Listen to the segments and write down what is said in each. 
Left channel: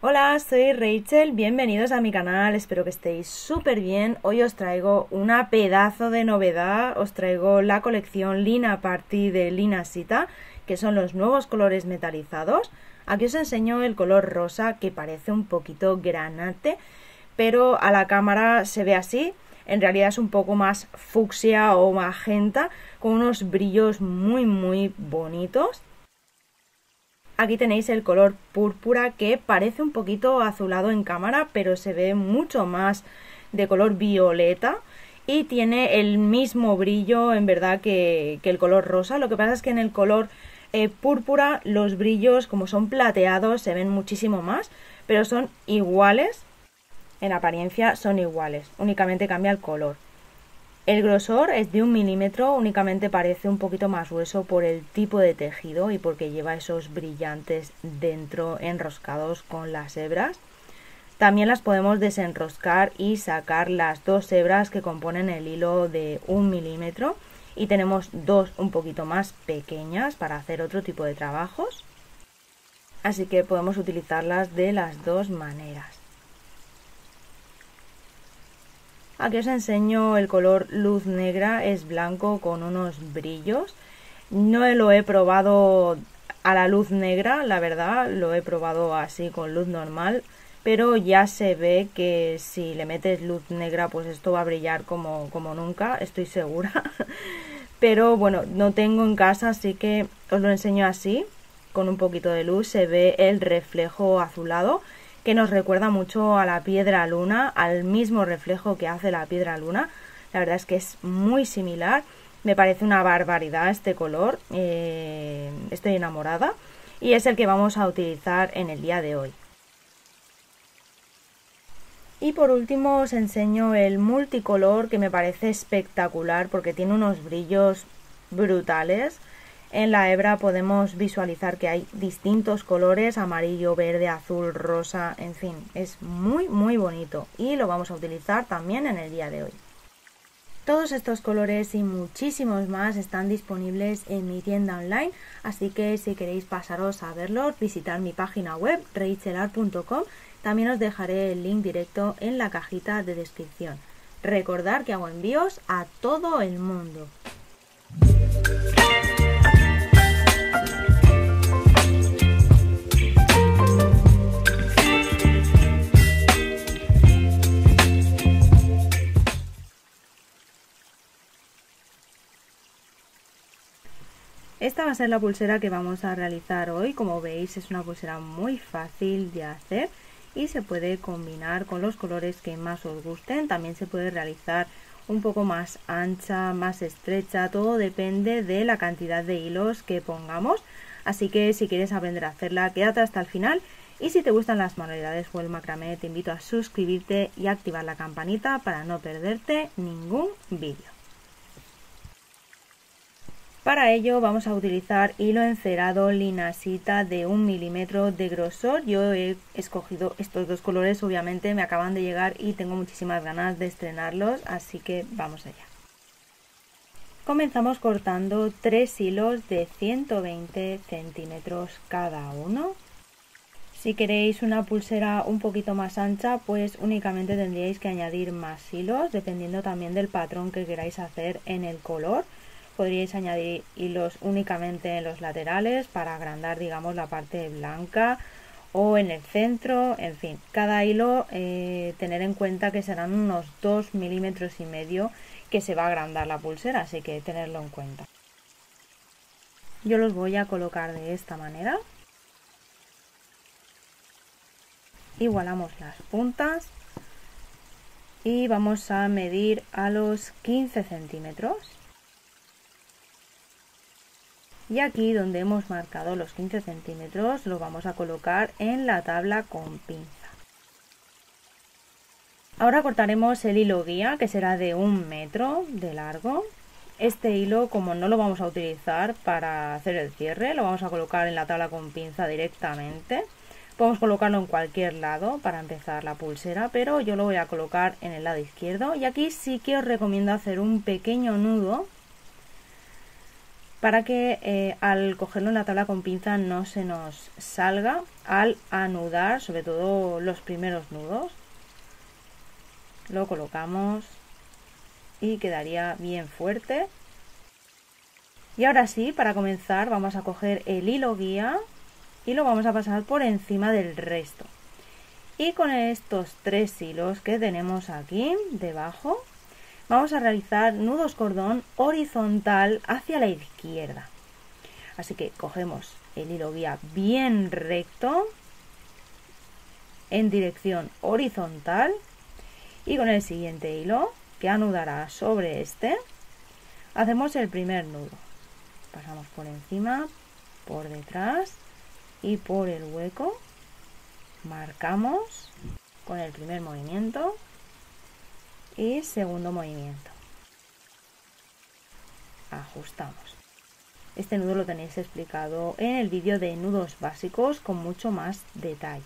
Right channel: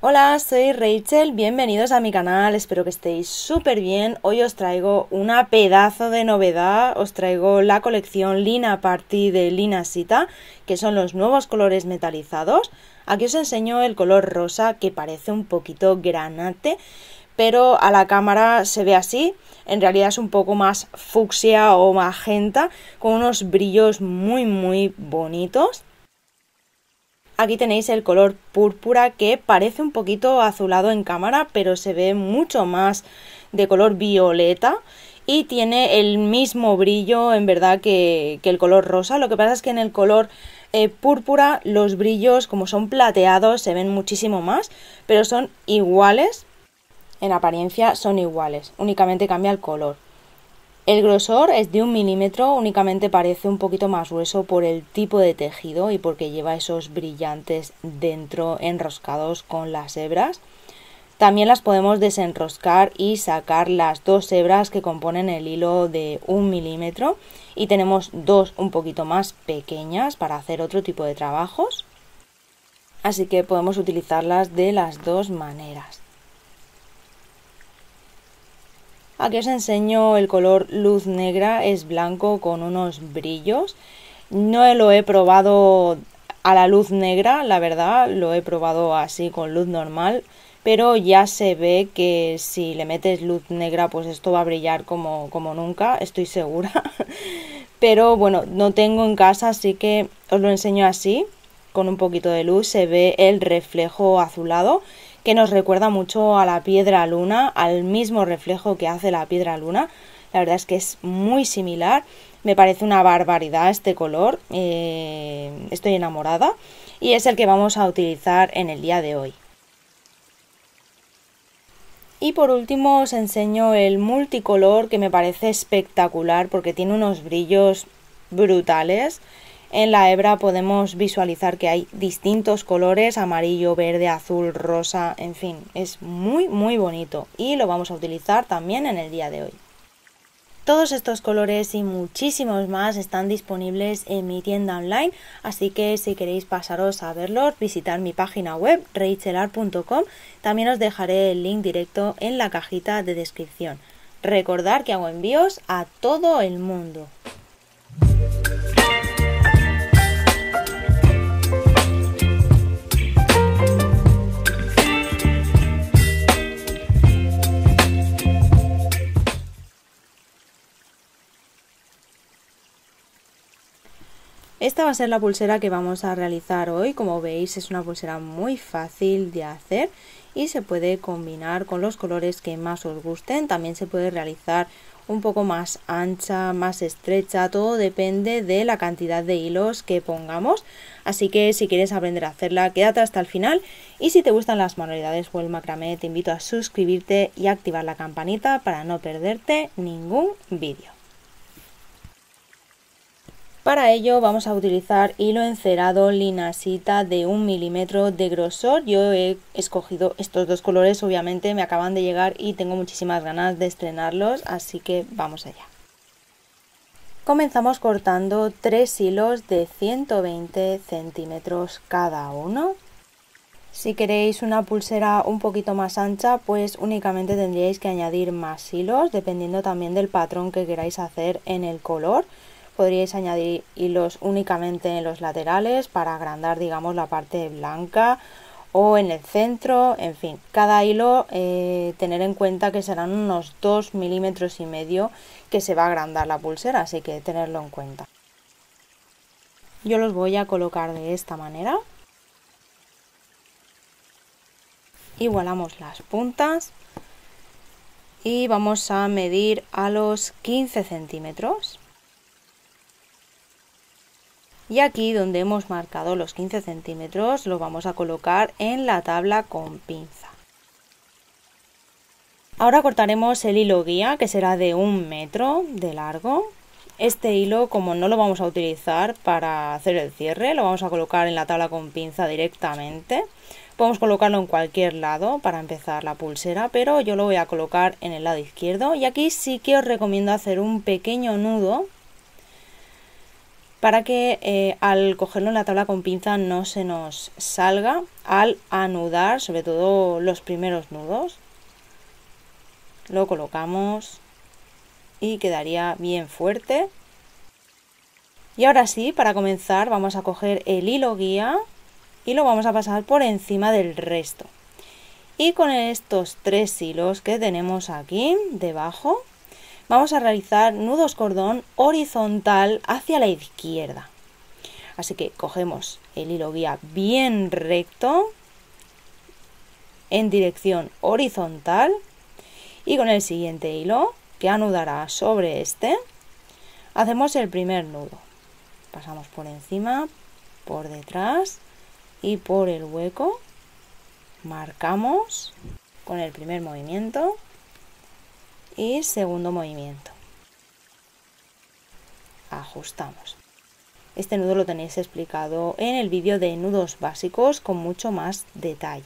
Hola, soy Rachel, bienvenidos a mi canal, espero que estéis súper bien. Hoy os traigo una pedazo de novedad, os traigo la colección Lina Party de Lina Sita, que son los nuevos colores metalizados. Aquí os enseño el color rosa, que parece un poquito granate, pero a la cámara se ve así. En realidad es un poco más fucsia o magenta, con unos brillos muy bonitos. Aquí tenéis el color púrpura, que parece un poquito azulado en cámara, pero se ve mucho más de color violeta y tiene el mismo brillo en verdad que el color rosa. Lo que pasa es que en el color púrpura los brillos, como son plateados, se ven muchísimo más, pero son iguales, en apariencia son iguales, únicamente cambia el color. El grosor es de 1 milímetro, únicamente parece un poquito más grueso por el tipo de tejido y porque lleva esos brillantes dentro enroscados con las hebras. También las podemos desenroscar y sacar las dos hebras que componen el hilo de 1 milímetro, y tenemos dos un poquito más pequeñas para hacer otro tipo de trabajos. Así que podemos utilizarlas de las dos maneras. Aquí os enseño el color luz negra, es blanco con unos brillos. No lo he probado a la luz negra, la verdad, lo he probado así con luz normal, pero ya se ve que si le metes luz negra pues esto va a brillar como nunca, estoy segura. Pero bueno, no tengo en casa, así que os lo enseño así, con un poquito de luz, se ve el reflejo azulado, que nos recuerda mucho a la piedra luna, al mismo reflejo que hace la piedra luna. La verdad es que es muy similar, me parece una barbaridad este color, estoy enamorada y es el que vamos a utilizar en el día de hoy. Y por último os enseño el multicolor, que me parece espectacular porque tiene unos brillos brutales. En la hebra podemos visualizar que hay distintos colores: amarillo, verde, azul, rosa, en fin, es muy bonito y lo vamos a utilizar también en el día de hoy. Todos estos colores y muchísimos más están disponibles en mi tienda online, así que si queréis pasaros a verlos, visitar mi página web rachelar.com. También os dejaré el link directo en la cajita de descripción. Recordad que hago envíos a todo el mundo. Esta va a ser la pulsera que vamos a realizar hoy. Como veis, es una pulsera muy fácil de hacer y se puede combinar con los colores que más os gusten. También se puede realizar un poco más ancha, más estrecha, todo depende de la cantidad de hilos que pongamos. Así que si quieres aprender a hacerla, quédate hasta el final, y si te gustan las manualidades o el macramé, te invito a suscribirte y activar la campanita para no perderte ningún vídeo. Para ello vamos a utilizar hilo encerado Lina Sita de 1 milímetro de grosor. Yo he escogido estos dos colores, obviamente me acaban de llegar y tengo muchísimas ganas de estrenarlos, así que vamos allá. Comenzamos cortando 3 hilos de 120 centímetros cada uno. Si queréis una pulsera un poquito más ancha, pues únicamente tendríais que añadir más hilos, dependiendo también del patrón que queráis hacer en el color. Podríais añadir hilos únicamente en los laterales para agrandar, digamos, la parte blanca, o en el centro, en fin, cada hilo tener en cuenta que serán unos 2,5 milímetros que se va a agrandar la pulsera, así que tenerlo en cuenta. Yo los voy a colocar de esta manera. Igualamos las puntas y vamos a medir a los 15 centímetros. Y aquí donde hemos marcado los 15 centímetros lo vamos a colocar en la tabla con pinza. Ahora cortaremos el hilo guía, que será de 1 metro de largo. Este hilo, como no lo vamos a utilizar para hacer el cierre, lo vamos a colocar en la tabla con pinza directamente. Podemos colocarlo en cualquier lado para empezar la pulsera, pero yo lo voy a colocar en el lado izquierdo. Y aquí sí que os recomiendo hacer un pequeño nudo para que al cogerlo en la tabla con pinza no se nos salga al anudar, sobre todo los primeros nudos. Lo colocamos y quedaría bien fuerte. Y ahora sí, para comenzar vamos a coger el hilo guía y lo vamos a pasar por encima del resto. Y con estos 3 hilos que tenemos aquí debajo, vamos a realizar nudos cordón horizontal hacia la izquierda. Así que cogemos el hilo guía bien recto en dirección horizontal y con el siguiente hilo, que anudará sobre este, hacemos el primer nudo. Pasamos por encima, por detrás y por el hueco. Marcamos con el primer movimiento y segundo movimiento. Ajustamos. Este nudo lo tenéis explicado en el vídeo de nudos básicos con mucho más detalle.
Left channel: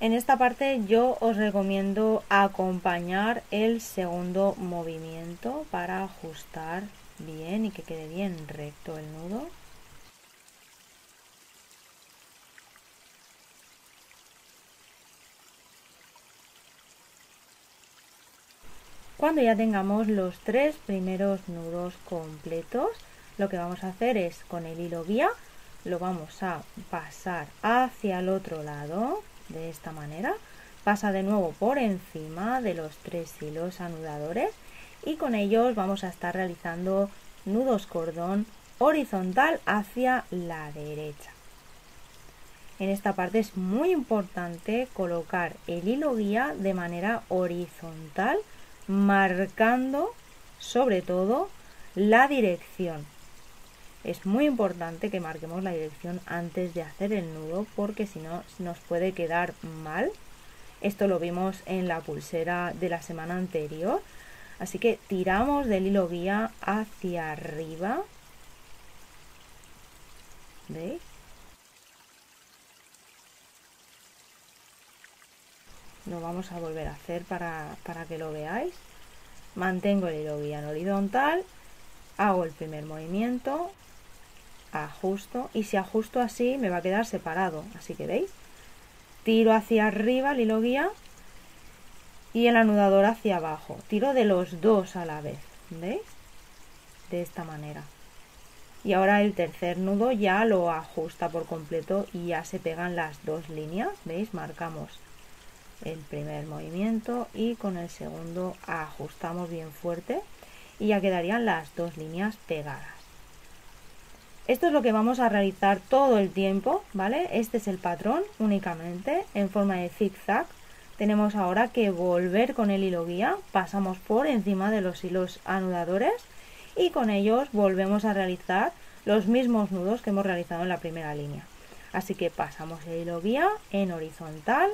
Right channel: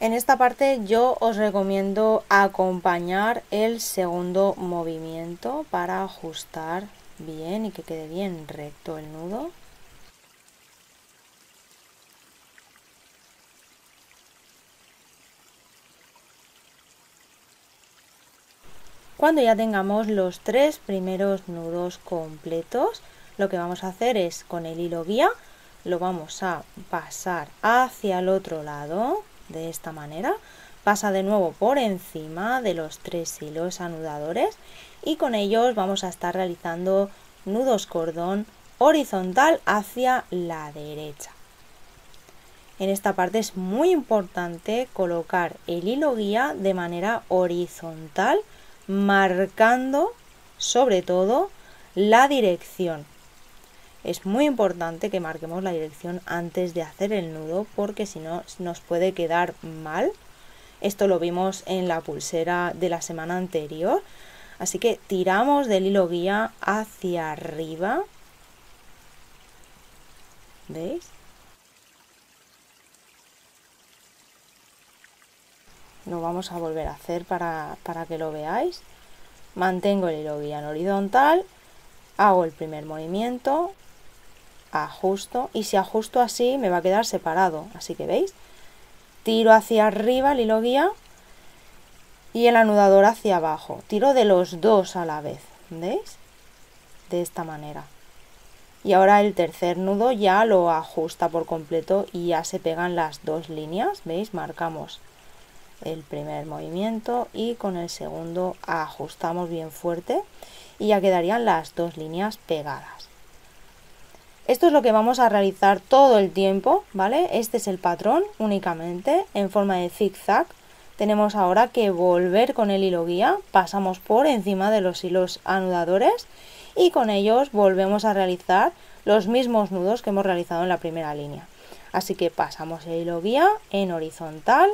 En esta parte yo os recomiendo acompañar el segundo movimiento para ajustar bien y que quede bien recto el nudo. Cuando ya tengamos los 3 primeros nudos completos, lo que vamos a hacer es con el hilo guía lo vamos a pasar hacia el otro lado. De esta manera, pasa de nuevo por encima de los 3 hilos anudadores y con ellos vamos a estar realizando nudos cordón horizontal hacia la derecha. En esta parte es muy importante colocar el hilo guía de manera horizontal, marcando sobre todo la dirección. Es muy importante que marquemos la dirección antes de hacer el nudo porque si no nos puede quedar mal. Esto lo vimos en la pulsera de la semana anterior. Así que tiramos del hilo guía hacia arriba. ¿Veis? Lo vamos a volver a hacer para que lo veáis. Mantengo el hilo guía en horizontal. Hago el primer movimiento. Ajusto y si ajusto así me va a quedar separado, así que veis, tiro hacia arriba el hilo guía y el anudador hacia abajo, tiro de los dos a la vez, ¿veis? De esta manera. Y ahora el tercer nudo ya lo ajusta por completo y ya se pegan las dos líneas, ¿veis? Marcamos el primer movimiento y con el segundo ajustamos bien fuerte y ya quedarían las dos líneas pegadas. Esto es lo que vamos a realizar todo el tiempo, ¿vale? Este es el patrón únicamente en forma de zigzag. Tenemos ahora que volver con el hilo guía, pasamos por encima de los hilos anudadores y con ellos volvemos a realizar los mismos nudos que hemos realizado en la primera línea. Así que pasamos el hilo guía en horizontal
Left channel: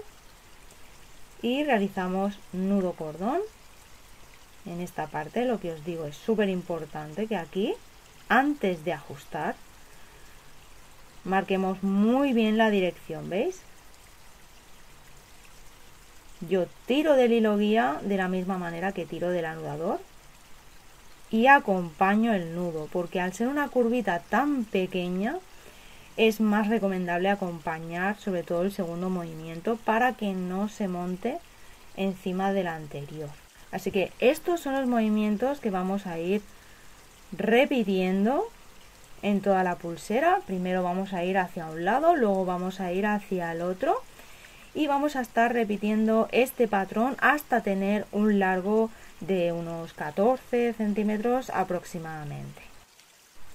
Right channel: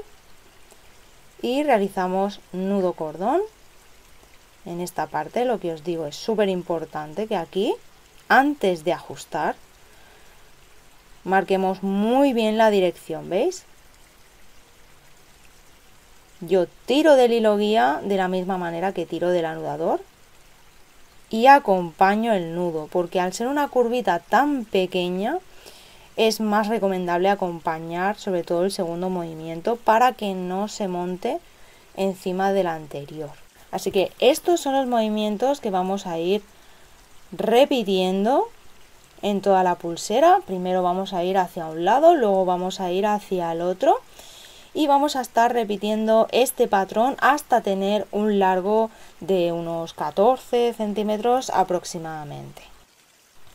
y realizamos nudo cordón. En esta parte lo que os digo es súper importante que aquí, antes de ajustar, marquemos muy bien la dirección, ¿veis? Yo tiro del hilo guía de la misma manera que tiro del anudador y acompaño el nudo, porque al ser una curvita tan pequeña es más recomendable acompañar sobre todo el segundo movimiento para que no se monte encima del anterior. Así que estos son los movimientos que vamos a ir repitiendo en toda la pulsera. Primero vamos a ir hacia un lado, luego vamos a ir hacia el otro y vamos a estar repitiendo este patrón hasta tener un largo de unos 14 centímetros aproximadamente.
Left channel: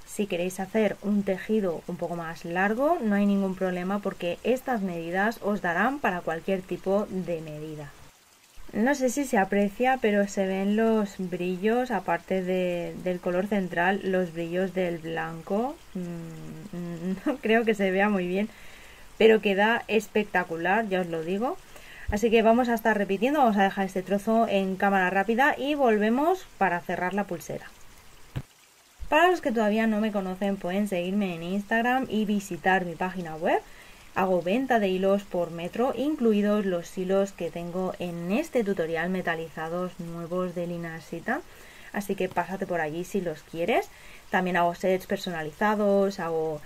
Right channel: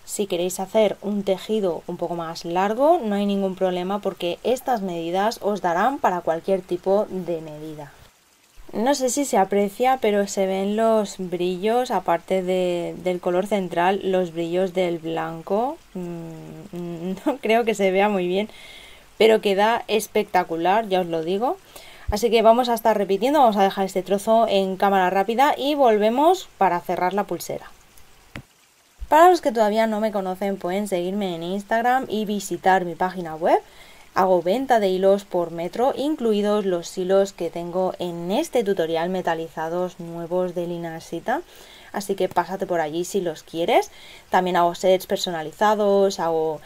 Si queréis hacer un tejido un poco más largo no hay ningún problema porque estas medidas os darán para cualquier tipo de medida. No sé si se aprecia, pero se ven los brillos, aparte del color central, los brillos del blanco. No creo que se vea muy bien, pero queda espectacular, ya os lo digo. Así que vamos a estar repitiendo, vamos a dejar este trozo en cámara rápida y volvemos para cerrar la pulsera. Para los que todavía no me conocen, pueden seguirme en Instagram y visitar mi página web. Hago venta de hilos por metro, incluidos los hilos que tengo en este tutorial metalizados nuevos de Linasita. Así que pásate por allí si los quieres. También hago sets personalizados, hago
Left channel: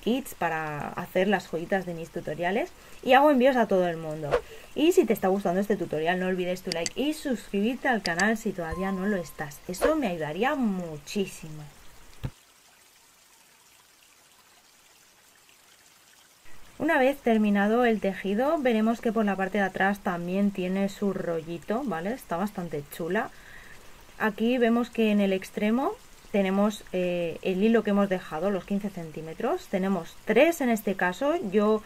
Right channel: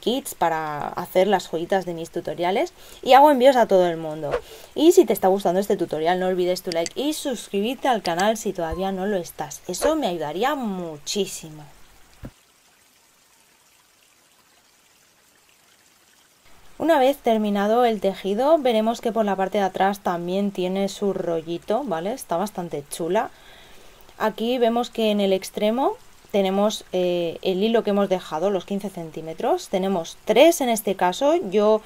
kits para hacer las joyitas de mis tutoriales y hago envíos a todo el mundo. Y si te está gustando este tutorial, no olvides tu like y suscribirte al canal si todavía no lo estás. Eso me ayudaría muchísimo. Una vez terminado el tejido, veremos que por la parte de atrás también tiene su rollito, ¿vale? Está bastante chula. Aquí vemos que en el extremo tenemos el hilo que hemos dejado, los 15 centímetros. Tenemos 3 en este caso. Yo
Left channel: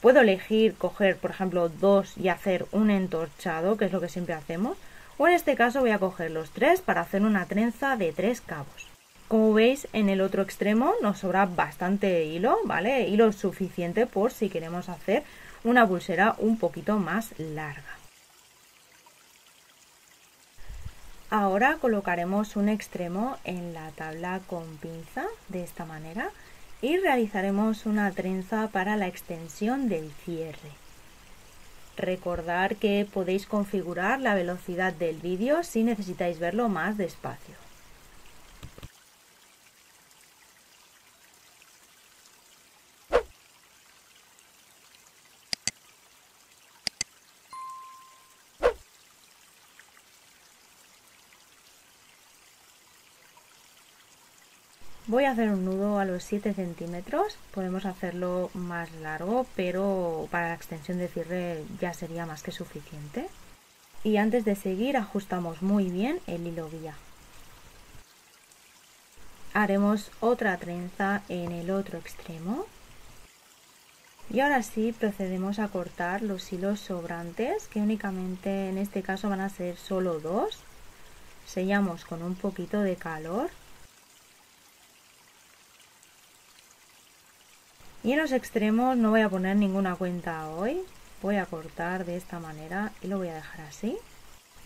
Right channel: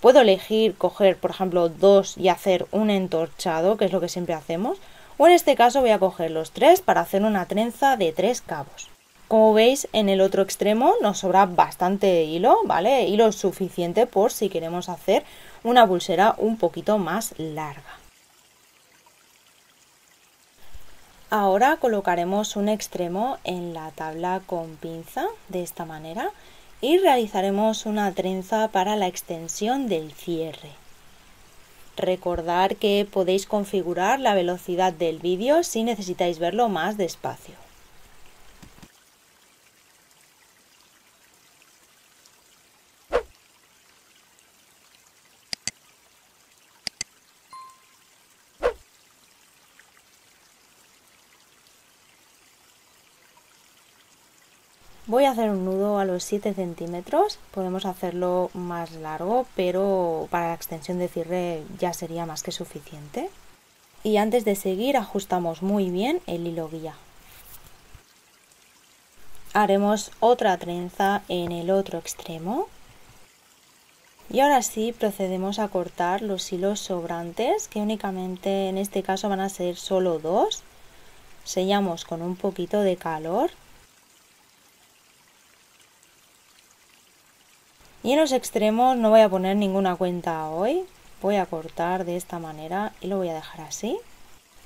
puedo elegir coger, por ejemplo, 2 y hacer un entorchado, que es lo que siempre hacemos. O en este caso voy a coger los 3 para hacer una trenza de 3 cabos. Como veis, en el otro extremo nos sobra bastante hilo, ¿vale? Hilo suficiente por si queremos hacer una pulsera un poquito más larga. Ahora colocaremos un extremo en la tabla con pinza de esta manera y realizaremos una trenza para la extensión del cierre. Recordad que podéis configurar la velocidad del vídeo si necesitáis verlo más despacio. Voy a hacer un nudo a los 7 centímetros, podemos hacerlo más largo, pero para la extensión de cierre ya sería más que suficiente. Y antes de seguir ajustamos muy bien el hilo guía. Haremos otra trenza en el otro extremo. Y ahora sí procedemos a cortar los hilos sobrantes, que únicamente en este caso van a ser solo 2. Sellamos con un poquito de calor. Y en los extremos no voy a poner ninguna cuenta hoy, voy a cortar de esta manera y lo voy a dejar así.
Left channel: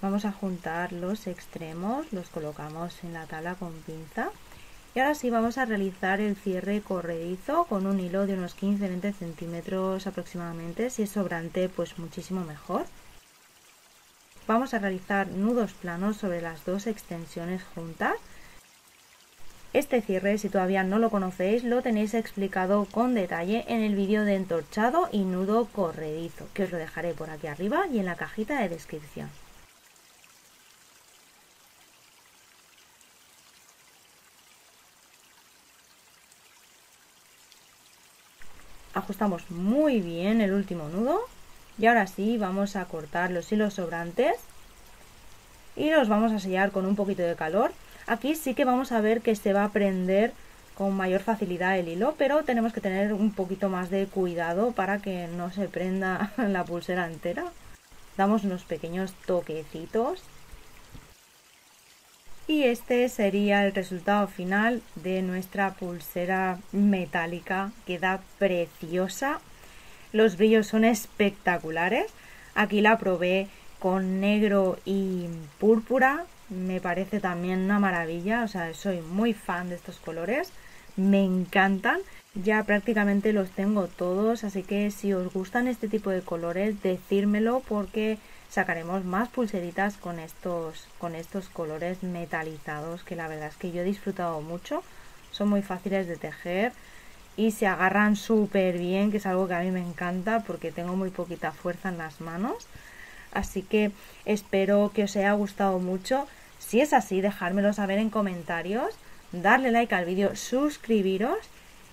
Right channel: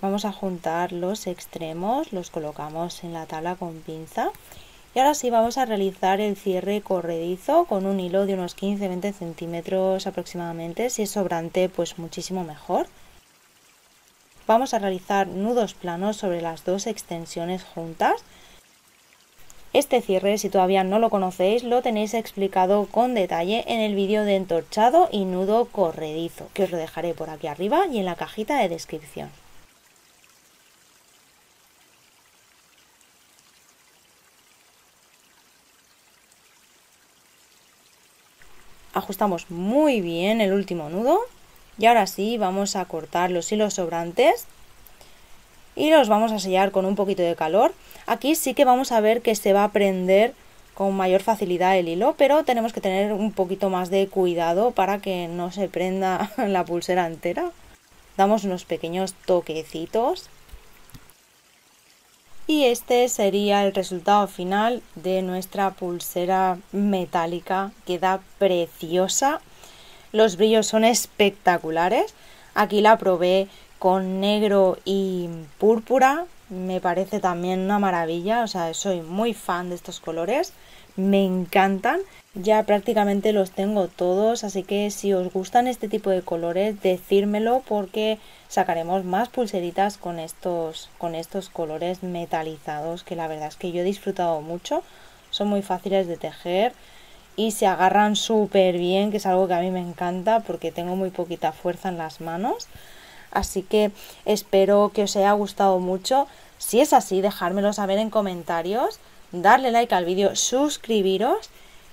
Vamos a juntar los extremos, los colocamos en la tabla con pinza y ahora sí vamos a realizar el cierre corredizo con un hilo de unos 15-20 centímetros aproximadamente, si es sobrante pues muchísimo mejor. Vamos a realizar nudos planos sobre las dos extensiones juntas. Este cierre, si todavía no lo conocéis, lo tenéis explicado con detalle en el vídeo de entorchado y nudo corredizo, que os lo dejaré por aquí arriba y en la cajita de descripción. Ajustamos muy bien el último nudo y ahora sí vamos a cortar los hilos sobrantes y los vamos a sellar con un poquito de calor. Aquí sí que vamos a ver que se va a prender con mayor facilidad el hilo, pero tenemos que tener un poquito más de cuidado para que no se prenda la pulsera entera. Damos unos pequeños toquecitos. Y este sería el resultado final de nuestra pulsera metálica. Queda preciosa. Los brillos son espectaculares. Aquí la probé con negro y púrpura. Me parece también una maravilla, o sea, soy muy fan de estos colores, me encantan, ya prácticamente los tengo todos, así que si os gustan este tipo de colores, decírmelo porque sacaremos más pulseritas con estos colores metalizados, que la verdad es que yo he disfrutado mucho, son muy fáciles de tejer y se agarran súper bien, que es algo que a mí me encanta porque tengo muy poquita fuerza en las manos. Así que espero que os haya gustado mucho. Si es así, dejármelo saber en comentarios, darle like al vídeo, suscribiros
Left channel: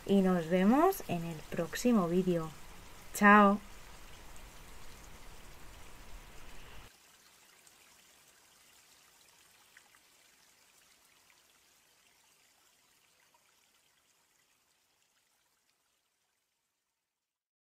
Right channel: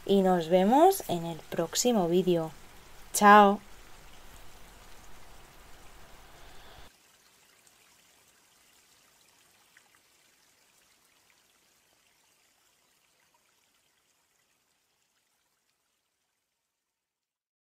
y nos vemos en el próximo vídeo. ¡Chao!